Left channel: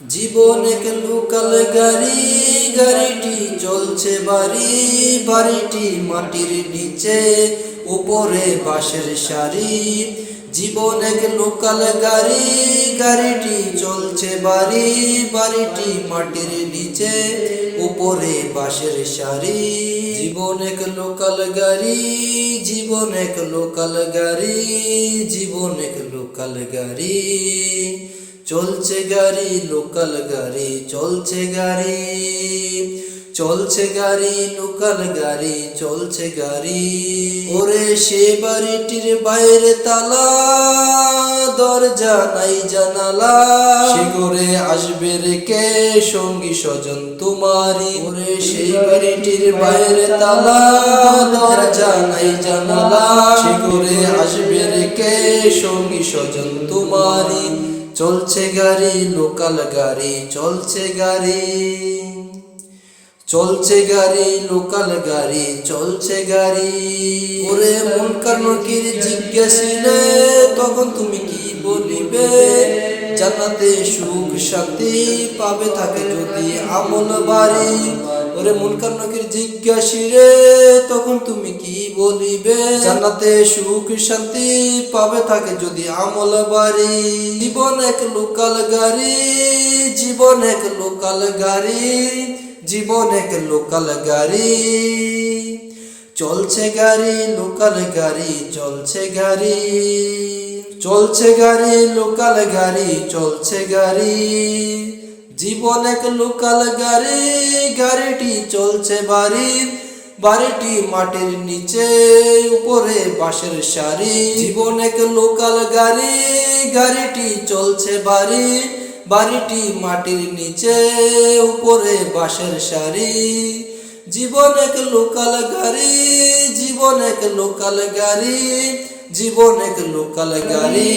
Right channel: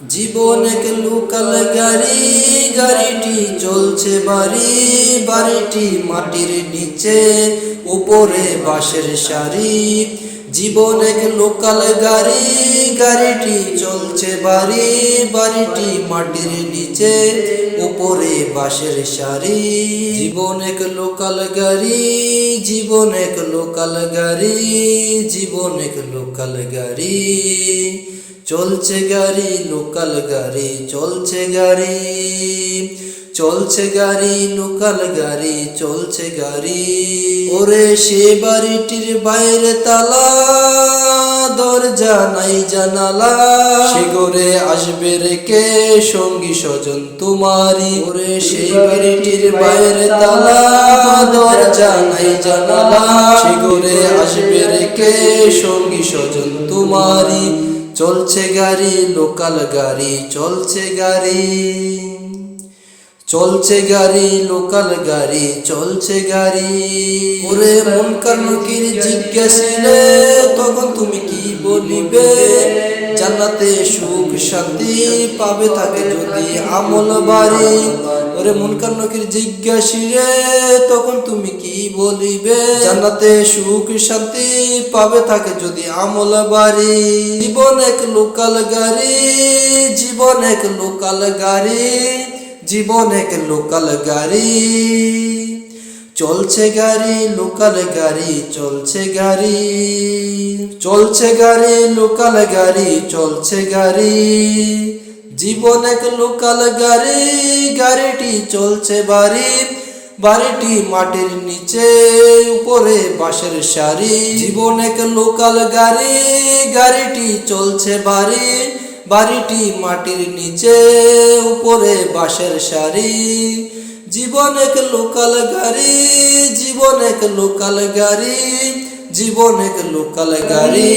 জীবন এক লোকাল গাড়ি, গাড়িটি চলছে বাড়ি, বাড়িটি মাটির নিচে, উপরে বাঁশের সারি। জীবন এক লোকাল গাড়ি, গাড়িটি চলছে বাড়ি, বাড়িটি মাটির নিচে, উপরে বাঁশের সারি। জীবন এক লোকাল গাড়ি, জীবন এক লোকাল গাড়ি, জীবন এক লোকাল গাড়ি। চলছে গাড়ি লোকাল গাড়ি, চলছে গাড়ি, চলছে গাড়ি লোকাল গাড়ি, চলছে গাড়ি। ওরে সে বাড়িটির বাইরে তালা, দরজা নাই জানালা, সে ঘরে আসবে রেখে সঙ্গী স্বজন তোমারি। ওরে সেই বাড়িটির বাইরে তালা, দরজা নাই জানালা, সে ঘরে আসবে রেখে সঙ্গী স্বজন তোমারি। চলছে গাড়ি লোকাল গাড়ি, চলছে গাড়ি, চলছে গাড়ি লোকাল গাড়ি, চলছে গাড়ি। ওরে মুনকার নকির জিজ্ঞাসিলে তখন তুমি কি বলিবে? জান্নাতে সুখ শান্তি পাবে থাকে যদি আমল বাড়ি। ওরে মুনকার নকির জিজ্ঞাসিরে তখন তুমি কি বলিবে? জান্নাতে সুখ শান্তি পাবে থাকে যদি আমল বাড়ি। জীবন এক লোকাল গাড়ি, জীবন এক লোকাল গাড়ি, জীবন এক লোকাল গাড়ি। চলছে গাড়ি লোকাল গাড়ি, চলছে গাড়ি, চলছে গাড়ি লোকাল গাড়ি, চলছে গাড়ি। জীবন এক লোকাল গাড়ি, গাড়িটি চলছে বাড়ি, বাড়িটি মাটির নিচে, উপরে বাঁশের সারি। জীবন এক লোকাল গাড়ি, গাড়িটি চলছে বাড়ি, বাড়িটি মাটির নিচে, উপরে বাঁশের সারি। জীবন এক লোকাল গাড়ি, জীবন এক লোকাল গাড়ি, জীবন এক লোকাল গাড়ি।